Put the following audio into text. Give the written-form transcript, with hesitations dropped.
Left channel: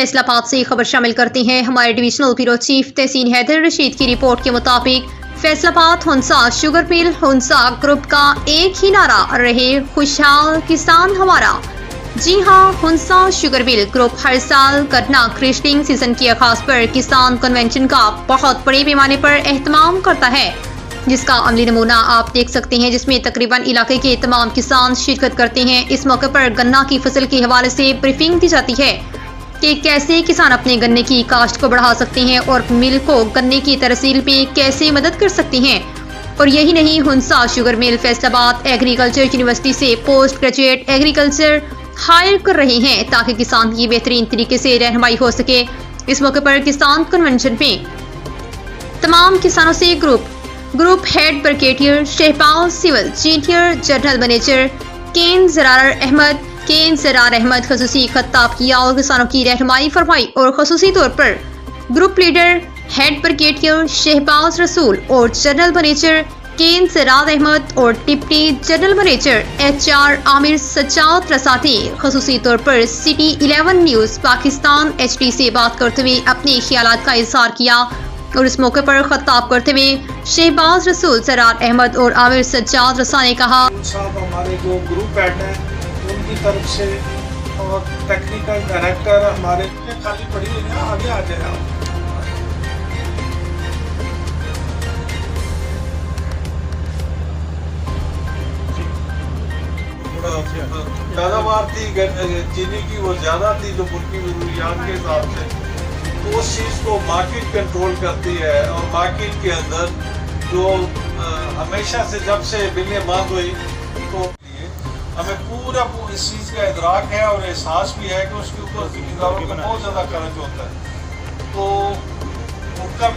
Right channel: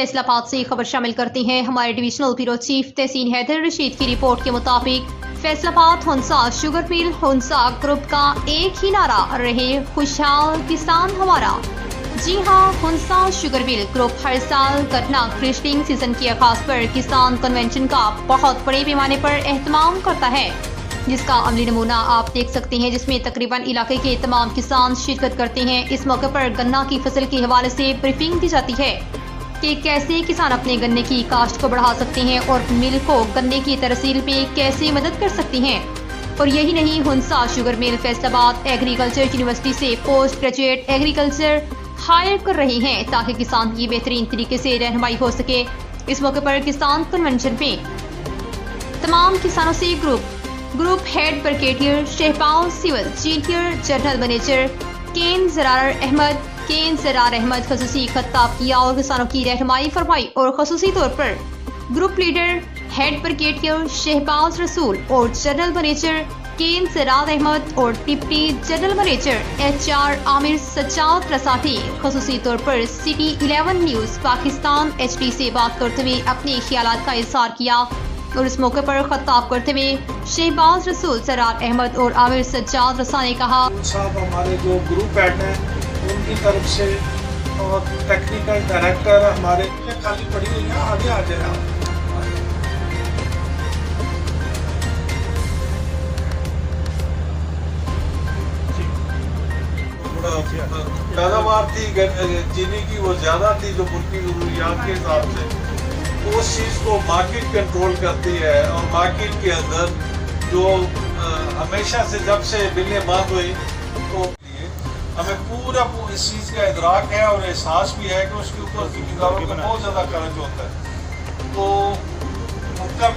फैसला बाद से खबर शामिल करते हैं। हमारे डिविजनल ब्यूरो चीफ तहसीन हैदर रशीद की रिपोर्ट के मुताबिक फैसलाबाद हुंसा शुगर मिल हुंसा ग्रुप का एक ही नारा रहे खुशहाल किसान हमारा। जी हां, हुंसा शुगर मिल ग्रुप हर साल गन्ना क्रिशलिंग सीजन के आगाज पर किसान कन्वेंशन का बहुत बड़े पैमाने पर एहतमाम करता है, जिसका अमली नमूना आप देख सकते हैं, जिसमें तकरीबन इलाके के तमाम किसान शिरकत करते हैं। इस मौके पर गन्ना की फसल के हवाले से ब्रीफिंग दी जाती है कि कैसे किसान अपने गन्ने की काश्त को बढ़ा सकते हैं और मिल को गन्ने की तरसील पे कैसे मदद कर सकते हैं। और यही नहीं, Hunza sugar mill Faisalabad agriculture university से पोस्ट ग्रेजुएट एग्रीकल्चर हायर कर रहे हैं ताकि किसान की बेहतरीन तरीके से रहनुमाई हो सके। इस मौके पर किसान कन्वेंशन में तमाम किसानों से group head brigadier Shahbaz civil senior general manager cane Zarar Ahmad खसूसी खिताब किया और किसानों की रहनुमाई फरमाई। और खसूसी तौर पर group leader head brigadier Shahbaz Rasool और general manager cane Zarar Ahmad और deputy general manager HR Aamir Sajjad रसाठी खसूसी तौर पर सिटी 11 न्यूज़ पाकिस्तान HD से बात करते हुए अपने ख्यालात का इजहार किया। और इस मौके पर खिताब करते हुए शहबाज रसूल ज़रार अहमद और आमिर सज्जाद रसा ने कहा, साहब हमारे जो ग्रुप हेड हैं उनकी तरफ से और टेक्निकल डायरेक्टर हमारे खाली पड़ी हुई है, आगे आ जाए आप। पैदावार थी चीनी की वो ज़्यादा थी जो मुल्की ज़रूरियात के हिसाब से, तो उस चीज़ को मार्केट कंट्रोल करती है। और मार्केट के अंदर जो हमेशा से जब से बिलें बंद हुई तो हमें पूरा इस चीज़ का इदराक है और एहसास भी है कि उसके ऊपर ज़िम्मेदारों का बहुत ज़्यादा खर्च होता है। तो उनका